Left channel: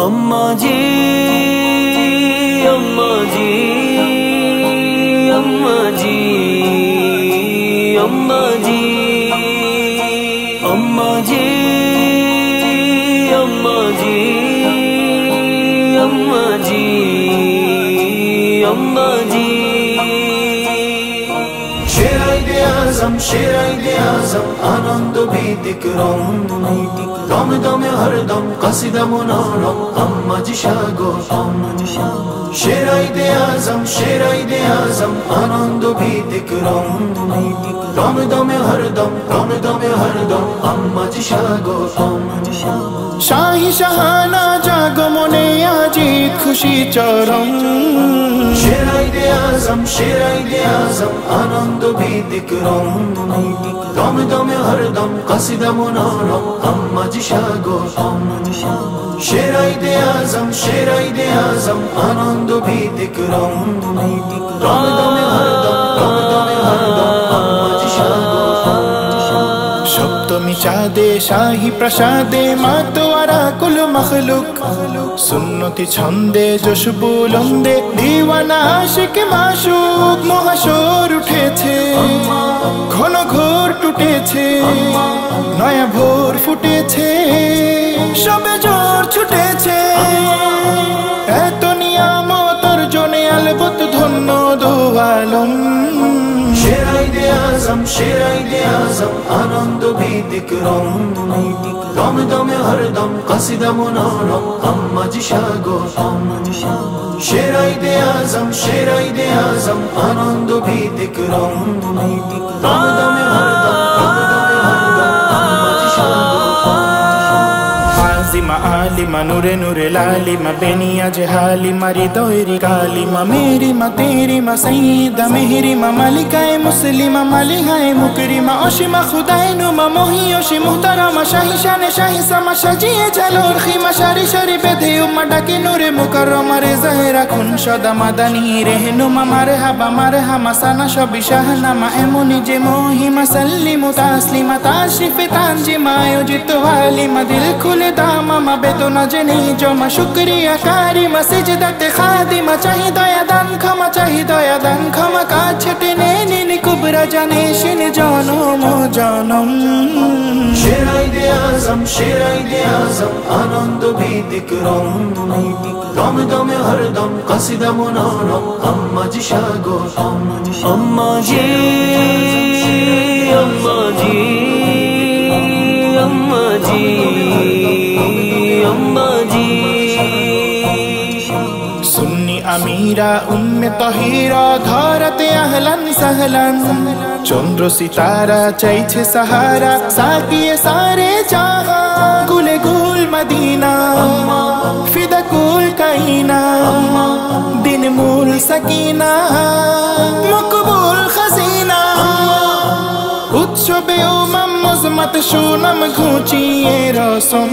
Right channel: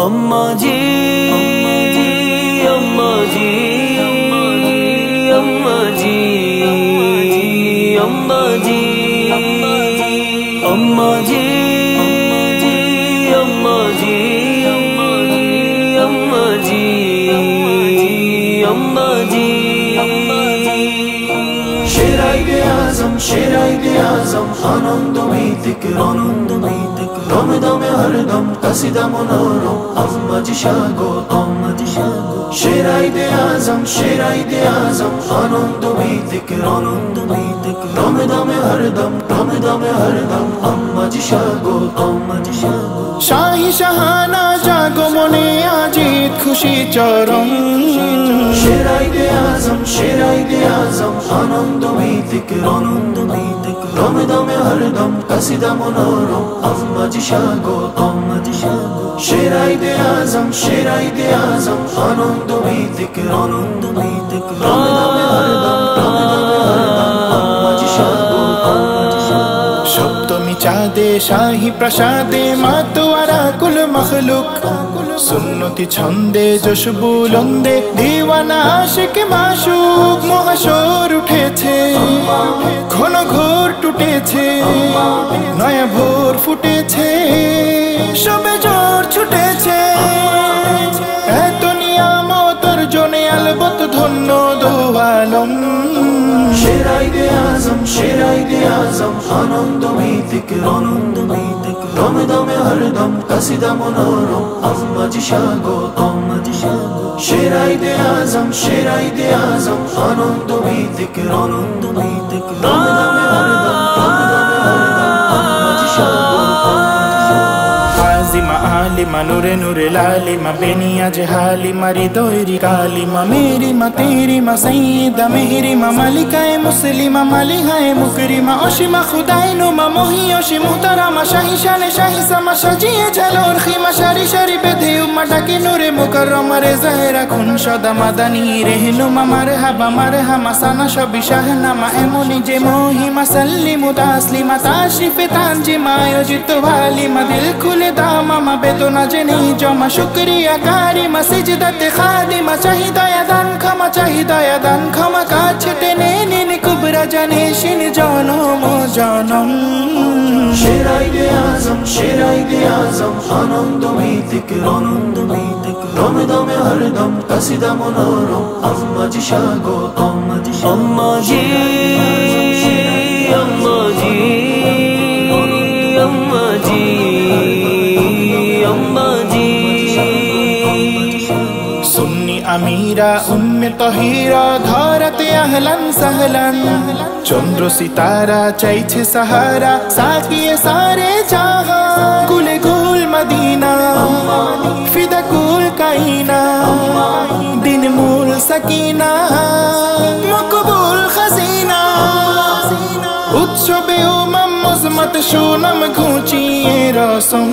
अम्मा जी अम्मा जी अम्मा जी अम्मा जी अम्मा जी अम्मा जी अम्मा जी अम्मा जी शेर-ए-आज़म आनंद भीतिक दमे दमे हरदम कसिदा मोनानो अम्मा जी शागो शेर-ए-आज़म आनंद भीतिक दमे दमे हरदम अम्मा जी शागो शाही शाहाना जागो मने आजित खुशी चरम शेर-ए-आज़म आनंद भीतिक दमे दमे हरदम कसिदा मोनानो अम्मा जी शागो शेर-ए-आज़म आनंद भीतिक सप्तमी चाँदे शाही प्रसादे मातोआरा कुल मखलुक सुन्नति छंदे जोश बुलंदे दीवाना आशिक माशुक महाशोर उठेছে ঘন ঘোর টুটেছে নয়া ভোর ফুটেছে সবে জোর ছুটেছে এত নিয়ামতের জনে আলবত ধন্য দো আলম शेर-ए-आज़म आनंद भीतिक दमे दमे हरदम कसिदा मोनानो अम्मा जी शागो शेर-ए-आज़म आनंद भीतिक आज़िमा आलिमा नूरे नूरे लालिमा बेनिया जहालिमा रिदोयरी कालिमा मेरी मा तेरी मा सईदा मेहरी मा मालिकाए मुस्लिमा मालिहाए मुकरिमा ओशिमा खुदाए नुमा मोहियोशी मुहतरमा शाही शाने शाही समा सजिए झलोर खिमा शारी शारी बेधे उम्मा डाके नूरे मुकर्रमा रे ज़ाहिरा खुन सदा मादानी रहनुमा मारहबा साना शबी शाहनामा एमुनी जे मोहिमा सल्लिमु तास्लिमा ताशरीफे तांजिमा आयोजित वालिमा दिल खुले मामा बेदना जनी जमा शुक्रिया कारिमा सिजदाते खादिमा चाहि दया दान क्षमा काछे टेने निनी कुबरा जाने शिन जनम जनम शेर-ए-आज़म आनंद भीतिक दमे दमे हरदम कसिदा मोनानो अम्मा जी शागो अम्मा जी अम्मा जी अम्मा जी अम्मा जी सुन्नी अमीरा उम्मे तहीरा धारते अहलन सहलन चंद्र सितारा चाइछे सहारा साकिए सारे जहां गुले गुल मदीना फिदा कुल काइना दिन मूल सकीना मकबूल खजीना उत्सवे उमम मजमत शूनम घुचिए रसम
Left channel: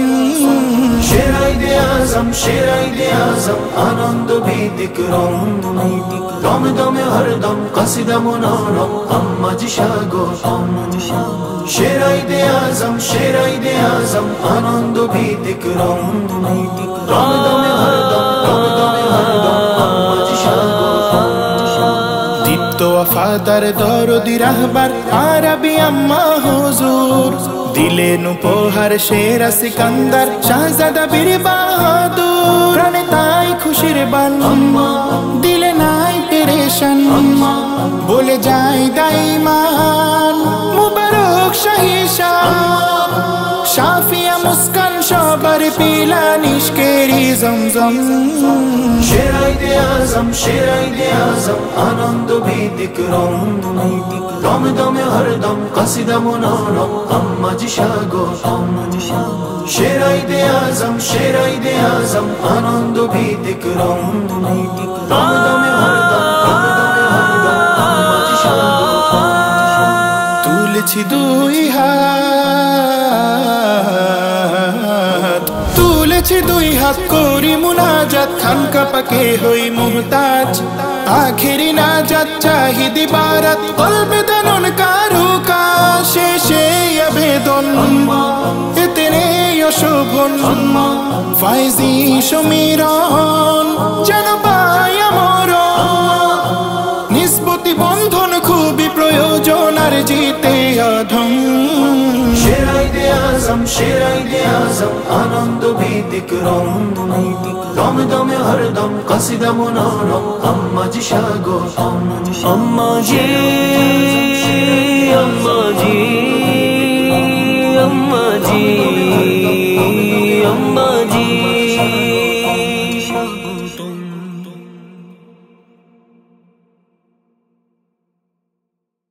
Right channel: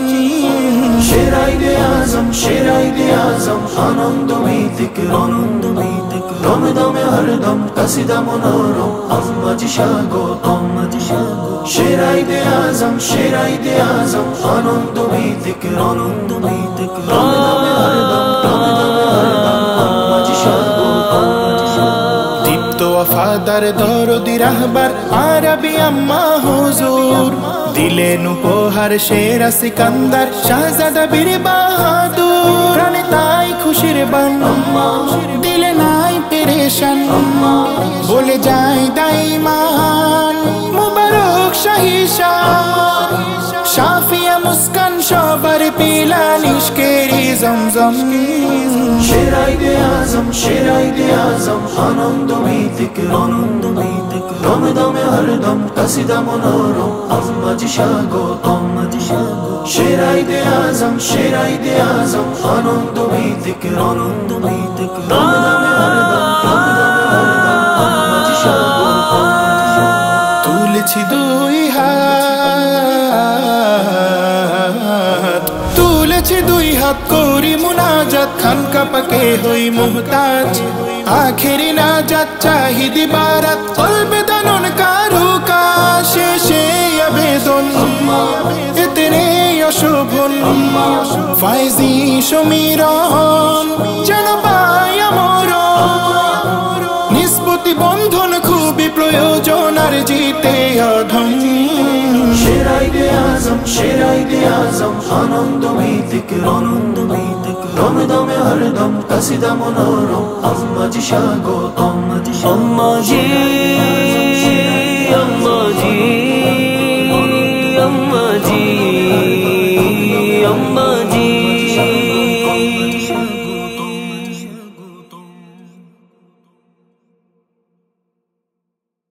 शेर-ए-आज़म आनंद भीतिक दमे दमे हरदम कसिदा मोनानो अम्मा जी शागो शेर-ए-आज़म आनंद भीतिक दीप्त वफादार दरदी रहबर आरबी अम्मा हुजूर दिलेन उपहार शेरा सिकंदर शाहजादा बीर बाहादुर प्राणे ताई खुशिर बन दिले नाई पेरेशन बोले जाए दाईमान मुबारक शाही शान शाफिया मुस्कान सबर पिला निष्केरी जमजम शेर-ए-आज़म आनंद भीतिक दमे दमे हरदम कसिदा मोनानो अम्मा जी शागो शेर-ए-आज़म आनंद भीतिक তুলেছি দুই হাত করি মুনাজাত খানকা পাকে হই মুহতাজ आखिरी नाजात चाहिदी बारात कल्बे दानुन कारू का शेषे अभेदन इतने শোভন ফাইজি সমীরণ যেন পাই আমর নিসবতি বন্ধন খুবই প্রয়োজন আর জিতে অধম শেরাইদে আজম আনন্দ ভীতিক দমে দমে হরদম কাসিদা মনোরম আম্মাজি স্বাগত আম্মাজি আম্মাজি আম্মাজি